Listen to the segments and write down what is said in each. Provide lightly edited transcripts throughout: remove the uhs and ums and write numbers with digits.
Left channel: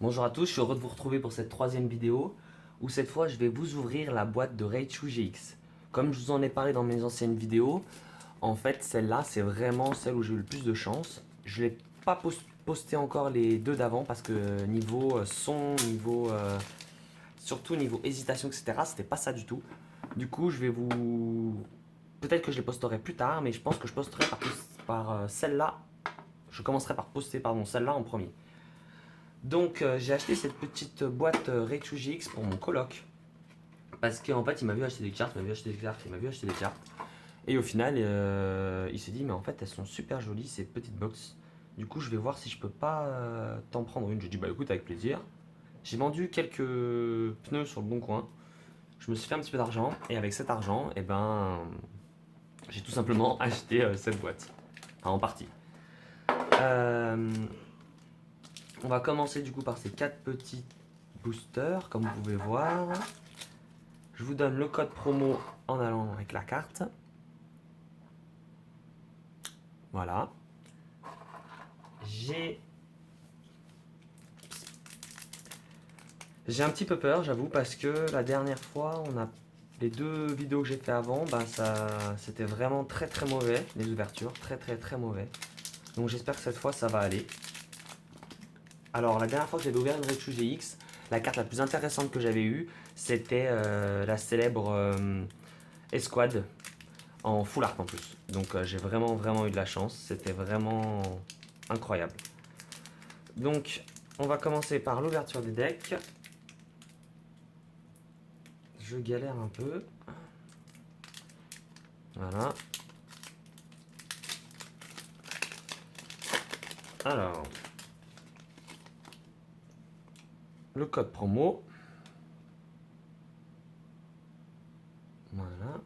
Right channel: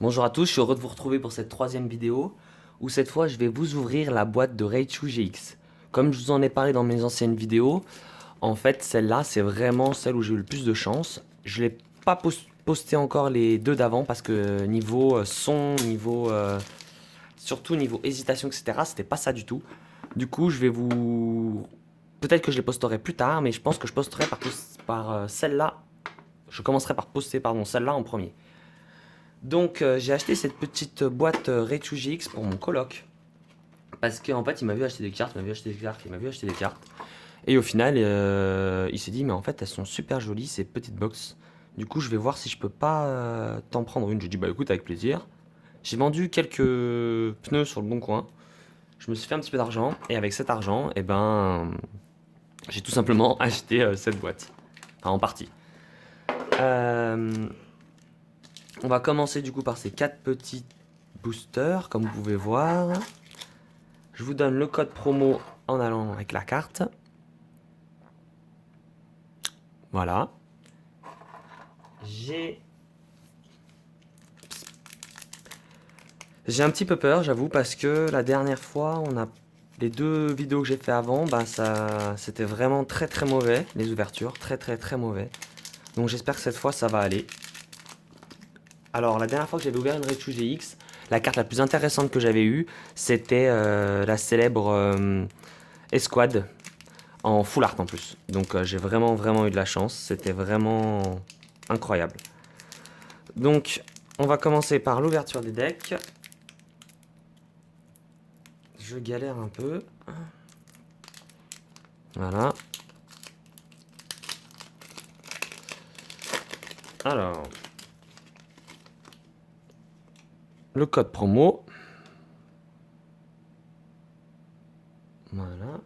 Bonjour à tous, je suis heureux de vous retrouver pour cette troisième vidéo où cette fois je vais vous ouvrir la boîte de Raichu GX. Comme je vous en ai parlé dans mes anciennes vidéos, en fait celle-là c'est vraiment celle où j'ai eu le plus de chance. Je l'ai pas posté encore les deux d'avant parce que niveau son, niveau surtout niveau hésitation etc c'était pas ça du tout. Du coup je vais vous... Peut-être que je les posterai plus tard mais je pense que je posterai par celle-là. Je commencerai par poster pardon celle-là en premier. Donc j'ai acheté cette petite boîte Raichu GX pour mon coloc. Parce qu'en fait il m'a vu acheter des cartes, il m'a vu acheter des cartes, il m'a vu acheter des cartes. Et au final il s'est dit mais en fait elles sont super jolies ces petites box. Du coup je vais voir si je peux pas t'en prendre une. J'ai dit bah écoute avec plaisir. J'ai vendu quelques pneus sur le bon coin. Je me suis fait un petit peu d'argent. Et avec cet argent, eh ben j'ai tout simplement acheté cette boîte. Enfin en partie. Euh, on va commencer du coup par ces quatre petits boosters comme vous pouvez voir. Je vous donne le code promo en allant avec la carte. Voilà. J'ai j'ai un petit peu peur, j'avoue, parce que la dernière fois, les deux vidéos que j'ai fait avant, bah ça c'était vraiment très très mauvais, les ouvertures, très très très mauvais. Donc j'espère que cette fois ça va aller. Alors la dernière fois que j'avais ouvert une Raichu GX, la carte la plus intéressante que j'avais eue, c'était la célèbre Esquad en full art en plus. Donc j'ai vraiment vraiment eu de la chance, c'était vraiment incroyable. Donc on va commencer par l'ouverture des decks. Je galère un peu. Voilà. Alors, le code promo. Voilà.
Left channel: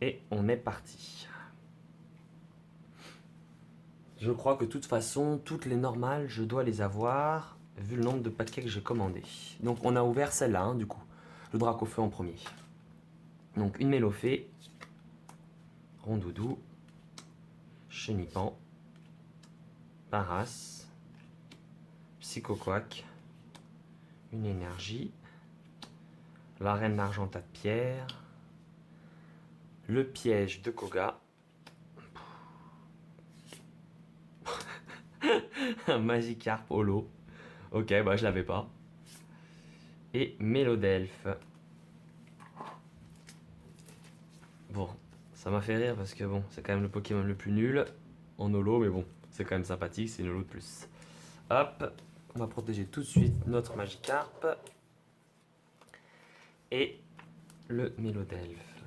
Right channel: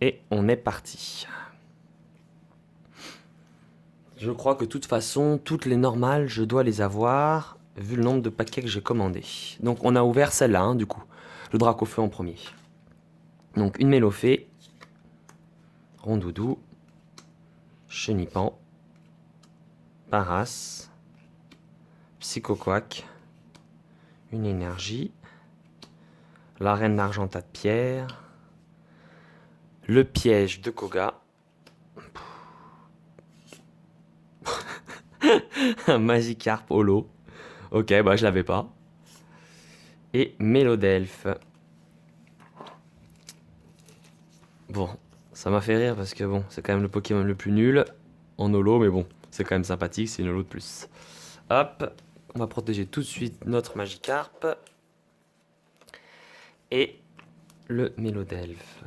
Et on est parti. Je crois que de toute façon, toutes les normales, je dois les avoir, vu le nombre de paquets que j'ai commandés. Donc on a ouvert celle-là, hein, du coup. Le Dracofeu en premier. Donc une Mélofée, Rondoudou, Chenipan, Paras, Psychoquack, une énergie, la Reine d'Argentat de Pierre, le piège de Koga, un Magikarp holo. Ok, bah je l'avais pas. Et Mélodelphe. Bon, ça m'a fait rire parce que bon, c'est quand même le Pokémon le plus nul en holo, mais bon, c'est quand même sympathique, c'est une holo de plus. Hop, on va protéger tout de suite notre Magikarp. Et le Mélodelphe.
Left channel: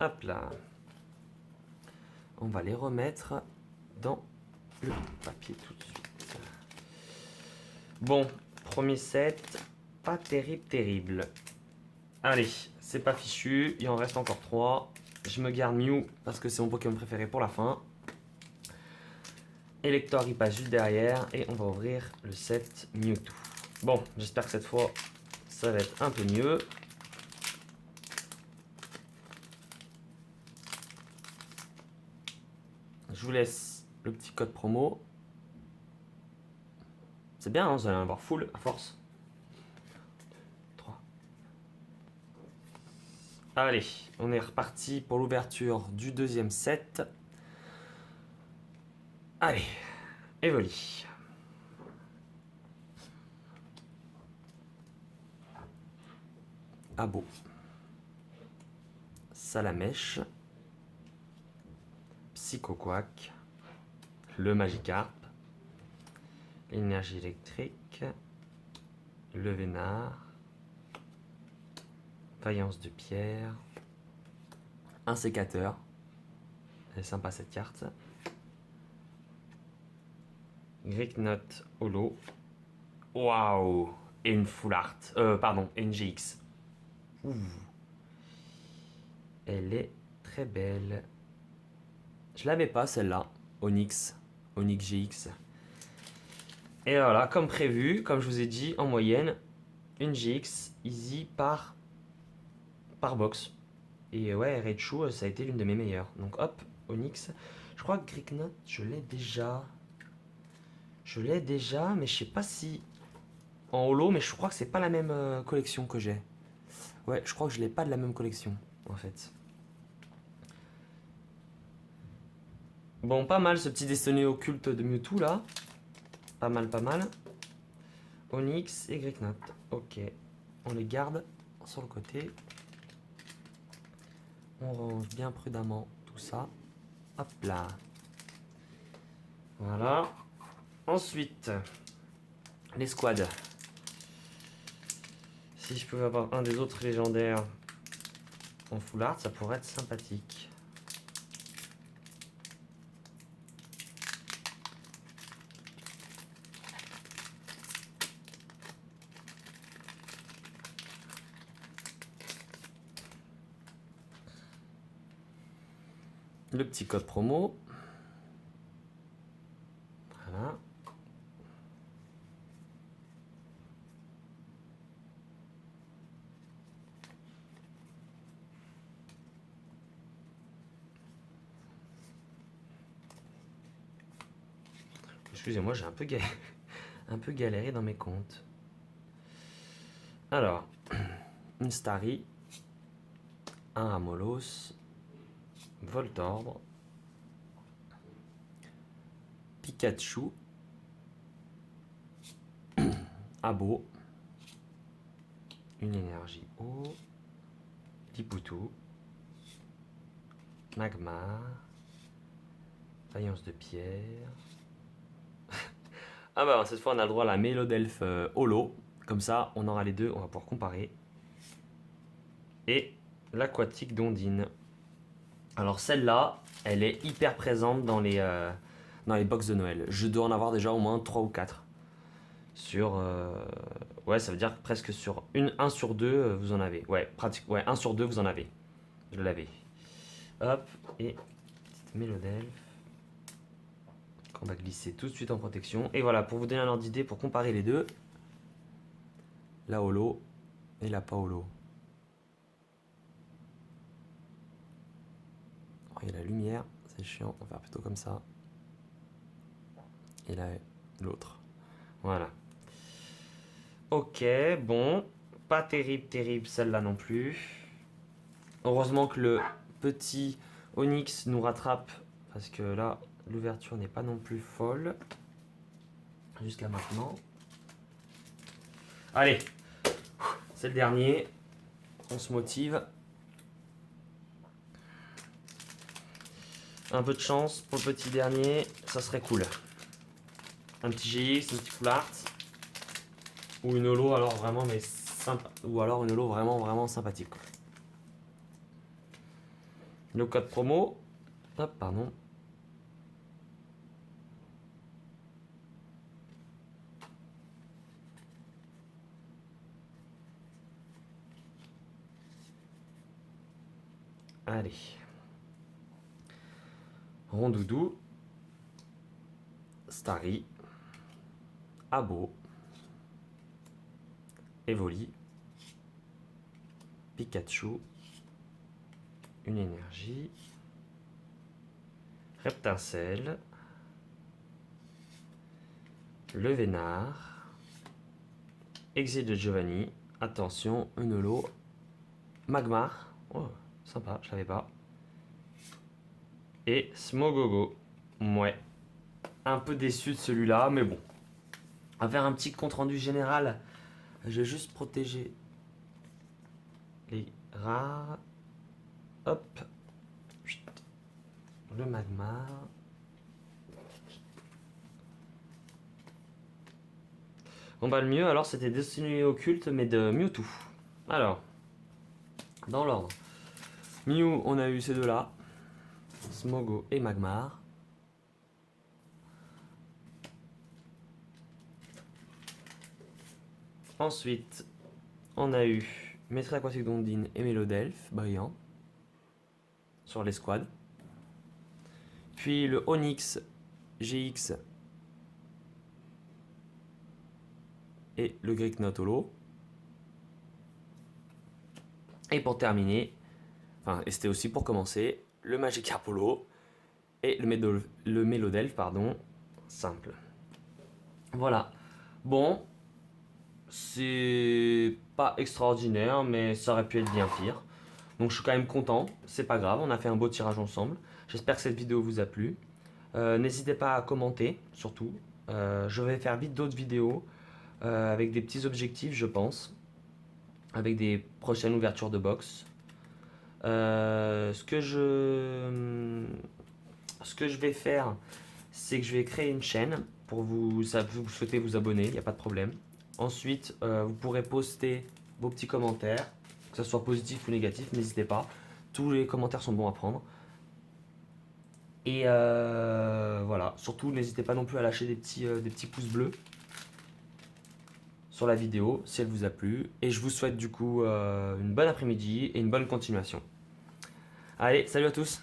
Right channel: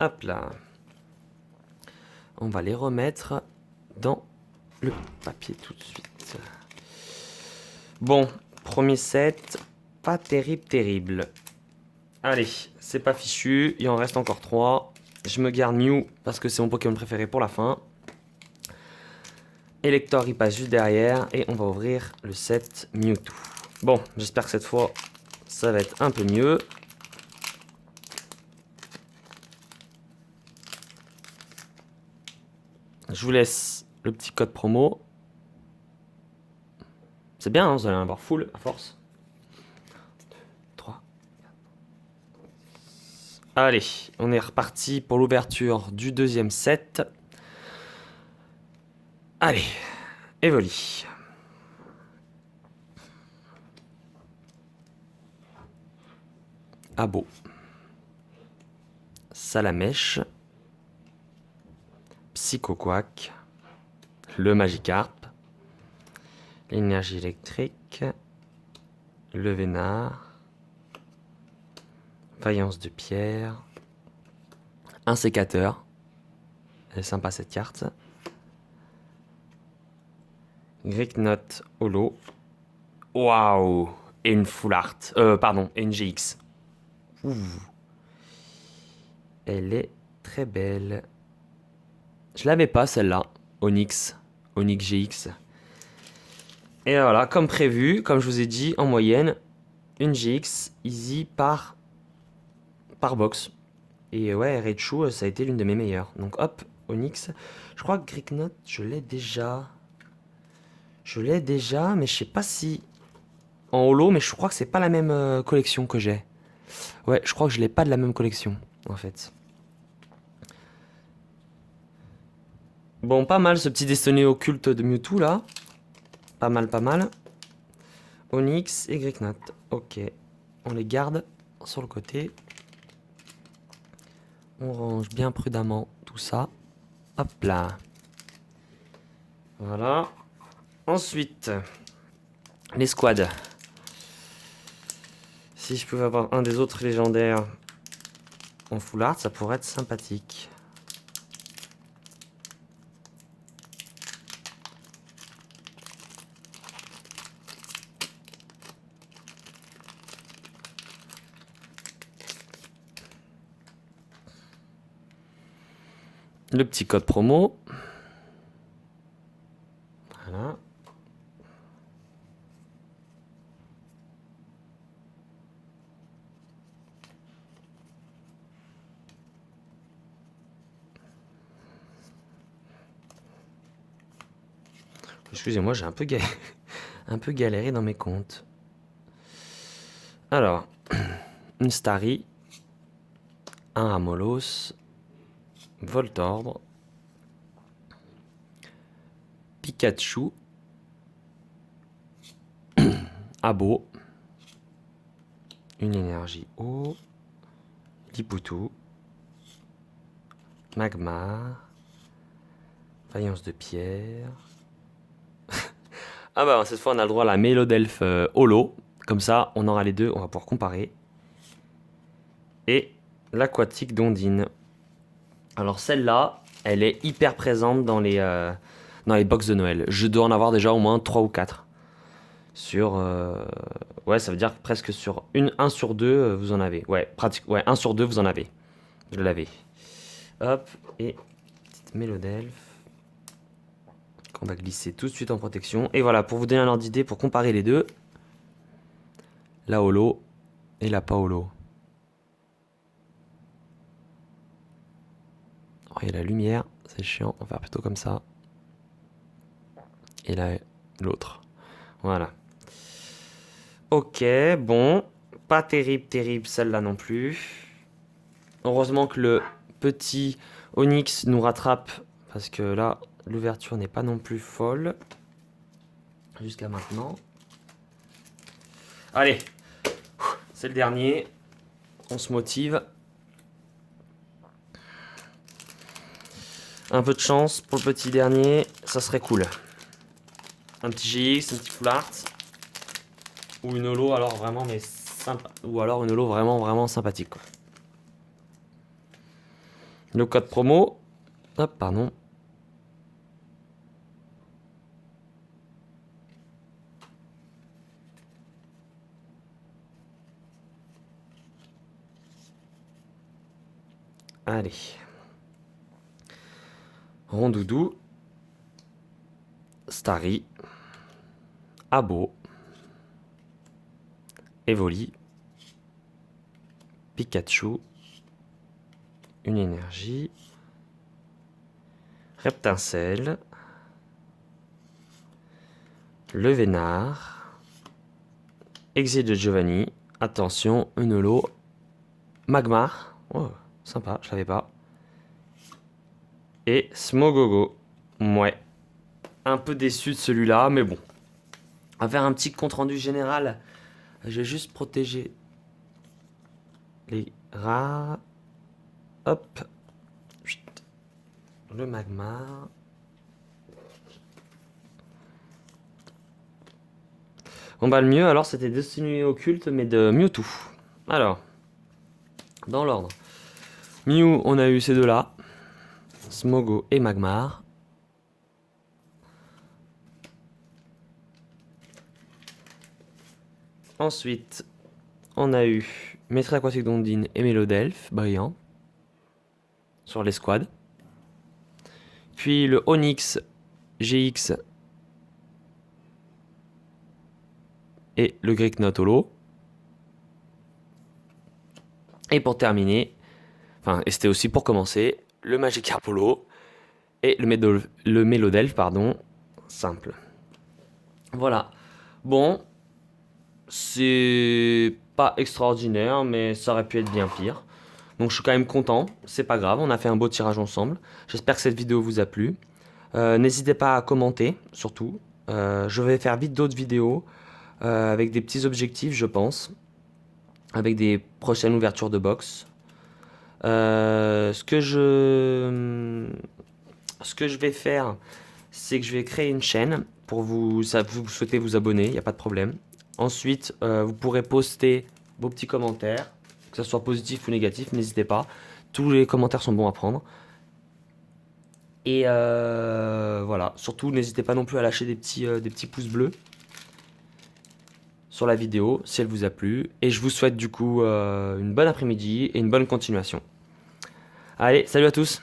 Hop là. On va les remettre dans le papier tout de suite. Bon, premier set, pas terrible, terrible. Allez, c'est pas fichu, il en reste encore 3. Je me garde Mew parce que c'est mon Pokémon préféré pour la fin. Elector il passe juste derrière et on va ouvrir le set Mewtwo. Bon, j'espère que cette fois ça va être un peu mieux. Je vous laisse le petit code promo. C'est bien, hein, vous allez en avoir full à force. 3. Allez, on est reparti pour l'ouverture du deuxième set. Allez, Evoli. Abo. Salamèche. Psychoquack. Le Magikarp. L'énergie électrique. Le Vénard. Faïence de pierre. Un sécateur. Elle est sympa cette carte. Greeknot Holo. Waouh. Et une full art. Pardon, et une GX. Ouh. Elle est très belle. Je l'avais pas celle-là. Onyx. Onyx GX. Et voilà, comme prévu, comme je vous ai dit, en moyenne, une GX easy par box. Et ouais, Raichu, ça a été l'une de mes meilleures. Donc hop, Onyx. Je crois que Greeknot, je l'ai déjà. Je l'ai déjà, mais je sais pas si en holo, mais je crois que c'est pas la même collection que j'ai. Ouais, je crois que je l'ai pas de la même collection, en fait. Bon, pas mal ce petit destiné occulte de Mewtwo là. Pas mal, pas mal. Onyx et Greeknot. Ok. On les garde sur le côté. On range bien prudemment tout ça. Hop là. Voilà. Ensuite, les squads. Si je pouvais avoir un des autres légendaires en full art, ça pourrait être sympathique. Le petit code promo. Voilà. Excusez-moi, j'ai un peu galéré dans mes comptes. Alors, une Starry, un Amolos, Voltorb, Pikachu, Abo, une énergie eau, Lipoutou, Magmar, Faïence de pierre. Ah bah cette fois on a le droit à la Mélodelph Holo. Comme ça on aura les deux, on va pouvoir comparer. Et l'aquatique d'Ondine. Alors celle-là, elle est hyper présente dans les box de Noël. Je dois en avoir déjà au moins 3 ou 4. Sur... ouais, ça veut dire presque sur 1 sur 2, vous en avez. Ouais, ouais, 1 sur 2, vous en avez. Je l'avais. Hop, et petite Mélodelph. Qu'on va glisser tout de suite en protection. Et voilà, pour vous donner un ordre d'idée, pour comparer les deux. La holo et la pas holo. Oh, il y a la lumière, c'est chiant. On va faire plutôt comme ça. Et là, l'autre. Voilà. Ok, bon. Pas terrible, terrible celle-là non plus. Heureusement que le petit Onyx nous rattrape. Parce que là, l'ouverture n'est pas non plus folle. Jusqu'à maintenant. Allez, c'est le dernier. On se motive. Un peu de chance pour le petit dernier, ça serait cool. Un petit GX, un petit full art. Ou une holo alors vraiment mais sympa. Ou alors une holo vraiment vraiment sympathique. Quoi. Le code promo. Hop, pardon. Allez. Rondoudou. Starry. Abo. Evoli. Pikachu. Une énergie. Reptincelle. Le Vénard. Exil de Giovanni. Attention, une holo. Magmar. Oh, sympa, je savais pas. Et Smogogo. Ouais. Un peu déçu de celui-là, mais bon. On va faire un petit compte rendu général. Je vais juste protéger les rares. Hop. Le magma. Bon bah le mieux alors c'était Destiny Occulte mais de Mewtwo. Alors, dans l'ordre. Mew, on a eu ces deux-là. Smogo et Magmar. Ensuite, on a eu Maître Aquatique d'Ondine et Mélodelph, brillant. Sur les squads. Puis le Onyx GX et le Greeknot Holo. Et pour terminer, Enfin, et c'était aussi pour commencer le Magikarp Holo et le Mélodelph, pardon, simple. Voilà. Bon, c'est pas extraordinaire, mais ça aurait pu être bien pire. Donc je suis quand même content, c'est pas grave, on a fait un beau tirage ensemble. J'espère que cette vidéo vous a plu. N'hésitez pas à commenter, surtout. Je vais faire vite d'autres vidéos avec des petits objectifs, je pense, avec des prochaines ouvertures de box. Ce que je vais faire, c'est que je vais créer une chaîne pour vous souhaitez vous abonner, il n'y a pas de problème. Ensuite, vous pourrez poster vos petits commentaires, que ce soit positif ou négatif, n'hésitez pas. Tous les commentaires sont bons à prendre. Et voilà, surtout n'hésitez pas non plus à lâcher des petits pouces bleus sur la vidéo si elle vous a plu. Et je vous souhaite du coup une bonne après-midi et une bonne continuation. Allez, salut à tous!